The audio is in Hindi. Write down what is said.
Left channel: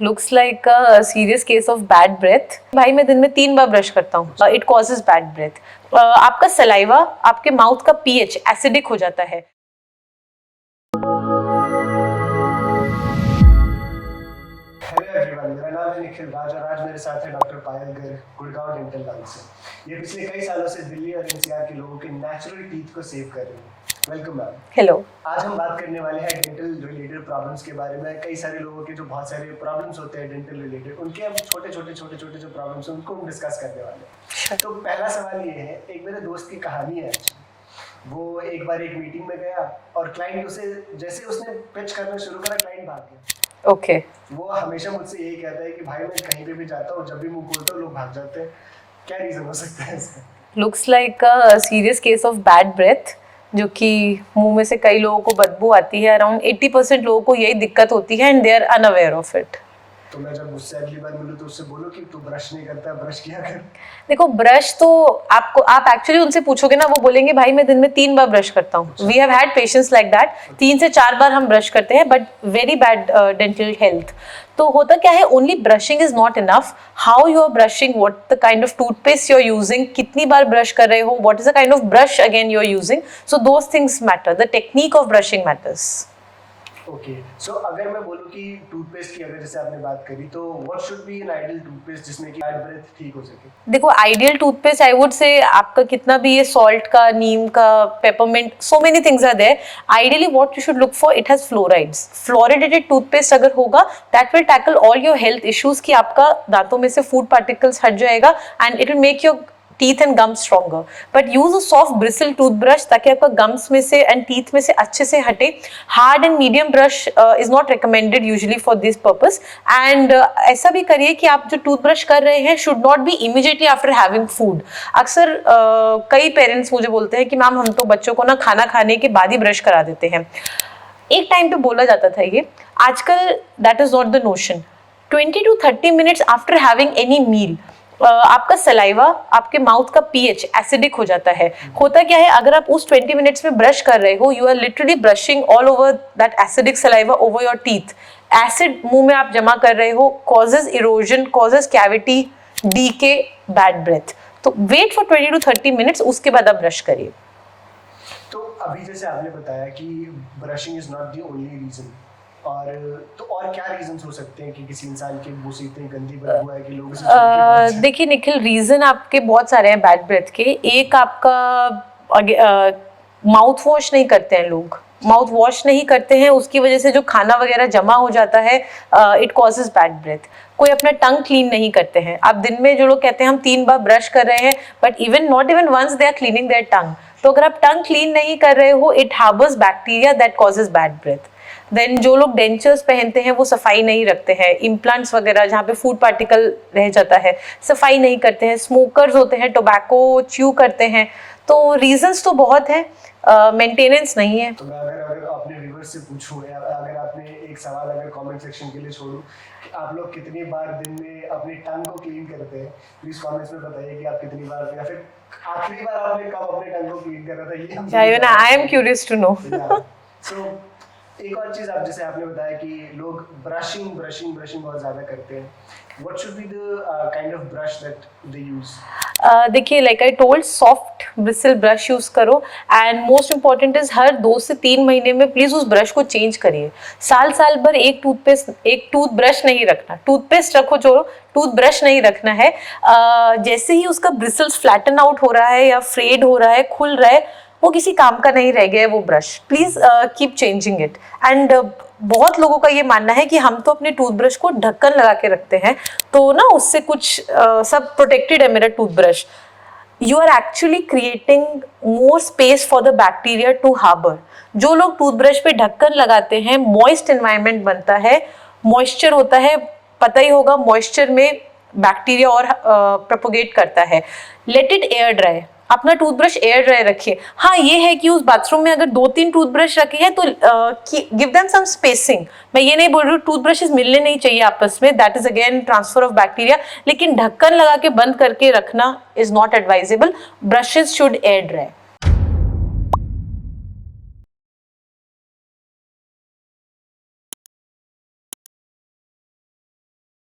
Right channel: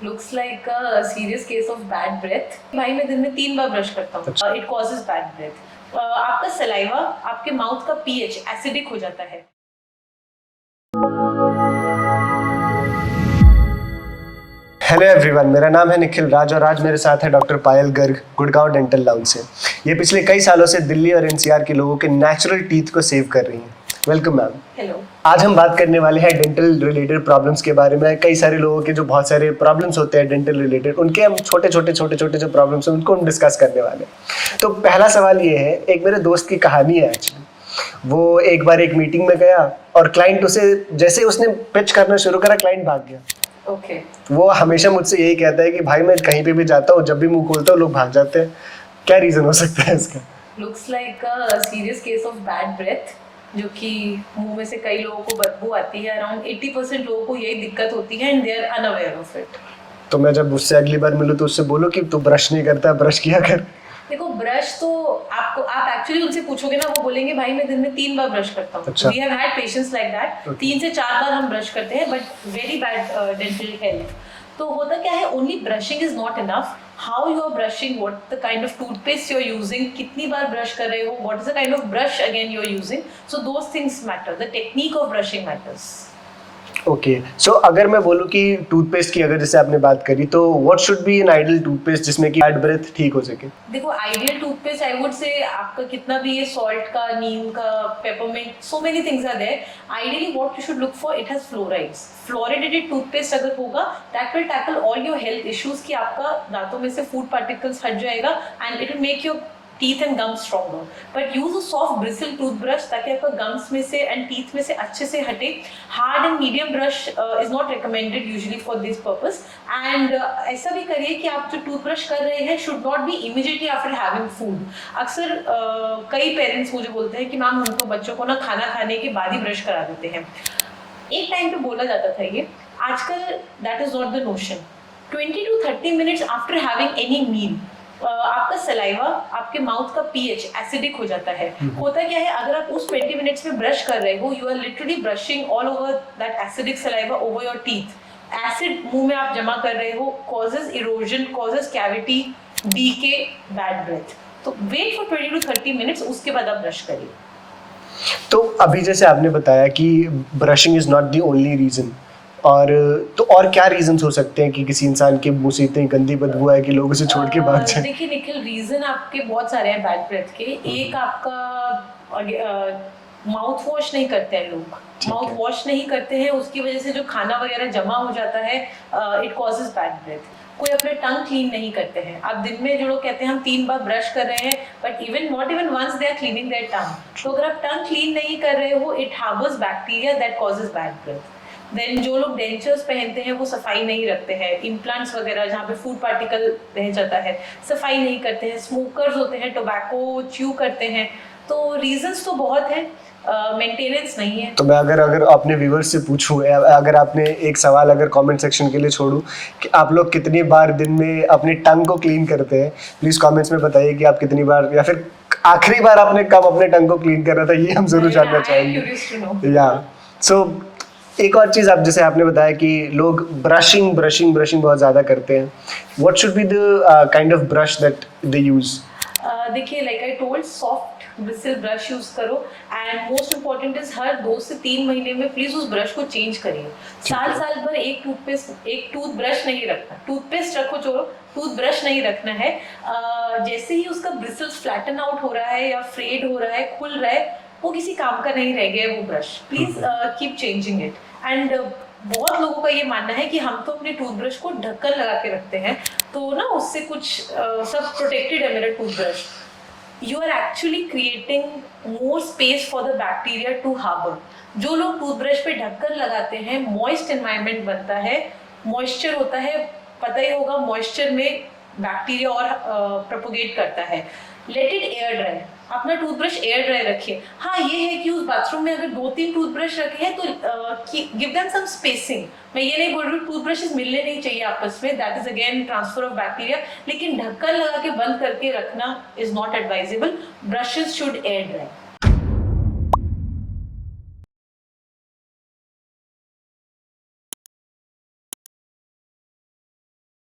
Looks like a serious case of bad breath. भाई मैं दिन में 3 बार ब्रश करता हूँ। It causes bad breath. आपका सलाइवा, आपके माउथ का पीएच एसिडिक हो जाता है। हेलो एवरीवन, मेरा नाम है निखिल राज और आज मेरे साथ है डॉक्टर पायल गर्ग गुड़गांव डेंटल लाउंज से। ये पिछले कई सालों से दिल्ली और एनसीआर के लोगों के नेचुरल टीथ को सेव कर रही हैं। Welcome ma'am. हेलो। आज हम बात करने वाले हैं डेंटल रिलेटेड प्रॉब्लम्स के बारे में। कई सारे लोगों के जो बहुत सारे प्रॉब्लम्स होते हैं डेंटल रिलेटेड, उनके हम छोटे छोटे जो प्रॉब्लम्स हैं उनको हम डिस्कस करने वाले हैं। तो पहला सवाल ये है, एक मेरे दोस्त की कहानी है एक्चुअली। वो एक बार एक मीटिंग में गया और क्लाइंट उसे जैसे उसने पिच करना शुरू करा, क्लाइंट भाग गया। ओके। वो हमेशा मुझसे यही कहता है कि भाई मैं कहीं पे भी जाता हूँ, जब भी मुंह खोलता हूँ लोग भाग जाते हैं। क्या रीजन हो सकता है इसका? Looks like a serious case of bad breath, जो कि मुंह में से कई लोगों को बदबू आती है। अराउंड 80% लोगों को यही दिक्कत होती है and they are unaware of it. तो मैं जब उससे अगली बार मिलूँ तो उससे बोलो कि तू ब्रश नहीं करता, ब्रश किया कर। देखो, ब्रश तो आप एक्चुअली उनसे पूछोगे ना, वो बोलेंगे भाई मैं दिन में 3 बार ब्रश करता हूँ। We have had patients like that. 3 से 4 बार हम ब्रश करते हैं, but very bad dental health. तो होता क्या है, only brushing is not enough. How you are brushing, what the kind of toothpaste you are using, कितनी बार ब्रश कर रहे हो, what is the kind of brush again you are using. So those things matter. The technique of brushing matters. Okay, सो अगर मैं बोलूँ कि टूथपेस्ट की अगर जैसे आपने बात करी, तो what should B an ideal toothpaste जिसमें कि बैड ब्रेथ ठीक हो सके? देखो, ideal toothpaste I would say आपका कितना भी ये सॉल्ट का, नीम का, peppermint, so many things are there. Ideally what you should look for, it has fluorides. Fluoridated toothpaste अगर होगा, that will tackle all your health issues, कि आपका दांतों में से फूड पार्टिकल्स हट जाएगा and it will make your teeth and gums stronger. But use a soft bristle toothbrush ताकि आपका gums में से and teeth में से अच्छे से हटे। Hard and medium brush is not recommended usually for this purpose. And ऐसा भी करिए कि आप जो टूथब्रश कर रहे हैं should not be immediately after having food. अक्सर कई पेरेंट्स मुझे बोलते हैं कि मैम हम तो बच्चों को ना खाना खाने के बाद ही ब्रश करा देते हैं। एक टाइम पे बोला जाता था ये, आजकल that is not the notion. 20 to 30 minutes after having any meal आपका सलाइवा, आपके माउथ का पीएच एसिडिक हो जाता है। होता क्या है, अगर आप उस 20 मिनट्स में ब्रश कर रहे हो, you are literally brushing all over that acidic saliva over your teeth. Acid मुंह में आप जमा कर रहे हो, causes erosion, causes cavity, decay, bad breath. तो वेट फॉर 20 to 30 मिनट्स, उसके बाद आप ब्रश करिए। तो अभी जैसे आपने बताया कि brushing is not the only reason, और क्या रीजंस हो सकते हैं कि किसी इंसान के मुंह से इतनी गंदी बदबू है कि लोग उसे छोड़ के भाग जाएं? देखिए निखिल, रीजन आपके बहुत सारे हैं बैड ब्रेथ के। एक आपका माउथ वॉश नहीं करते हैं लोग। माउथ वॉश नहीं करते हैं, उसकी वजह से जो खाना वगैरह जमा हो जाता है, इट कॉजेज बैड ब्रेथ। कोई अपना टंग क्लीन नहीं करते हैं। आप दिन में, जो लोग कहते हैं हम 3 बार ब्रश कर रहे हैं, but not even once they are cleaning their tongue. तो अगर आप टंग क्लीन नहीं कर रहे हो, it harbours bacteria that causes bad breath. Then जो लोग डेंचर्स पहनते हैं वो सफाई नहीं रखते हैं। इम्प्लांट्स वगैरह जहाँ पे फूड पार्टिकल रह जाता है, सफाई नहीं करते हैं। स्मोकर्स होते हैं, टोबैको च्यू करते हैं। तो रीजंस तो बहुत हैं, मेंटेनेंस नहीं है। तो मैं अगर अपने व्यूअर्स से पूछूं, अगर आपने एक सवाल अगर कमेंट सेक्शन के लिए छोड़ूं कि आप लोग कितनी बार दिन में अपने टंग को क्लीन करते हैं, प्लीज कमेंट्स में बताइए कि आप कितनी बार, या फिर आखिरी बार आपने कब अपने टंग को क्लीन करा था, ये हम जरूर जानना चाहेंगे। I am curious to know. या सो एक और चीज, आप जैसे आपने बताया कि लोग ब्रशिंग बहुत ज्यादा करते हैं। What should be the kind of brush that they use? देखिए, like I told, soft bristle brush use करो। एंड मोस्ट इंपॉर्टेंट इज हर 2 से 3 महीने में प्लीज उस ब्रश को चेंज करिए। साल भर एक टूथब्रश नहीं रखना। टूथपेस्ट रखो, जो टूथब्रश नहीं रखना है। जैसे ही उसका ब्रिसल्स फ्लैटन आउट हो रहा है या फ्रेड हो रहा है, खुल रहा है, वो किसी काम का नहीं रह गया है वो brush. Please keep changing it. And बहुत लोगों का ये मानना है कि हम तो अपने टूथब्रश को ढक्कन लगा के रखते हैं, तो ना उससे कुछ सब प्रोटेक्टेड है मेरा toothbrush. You are actually creating more space for the bacteria to harbour. जो लोग टूथब्रश पे ढक्कन लगाते हैं, मॉइस्ट एनवायरनमेंट बनता है, मॉइस्चर होता है, पता ही होगा, मॉइस्चर में बैक्टीरिया और प्रोपोगेट करता है। Let it air dry. अपना टूथब्रश एयर ड्राई रखिए। हाँ, ये है कि उस बाथरूम में अगर 2-3 टूथब्रश रखे हैं तो गिव देम सम स्पेसिंग। मैं ये नहीं बोल रही हूँ टूथब्रशेस मिलने नहीं चाहिए आपस में, that is again transfer of bacteria, लेकिन ढक्कन लगा के बंद करके रखना is not advisable. Brushes should air dry.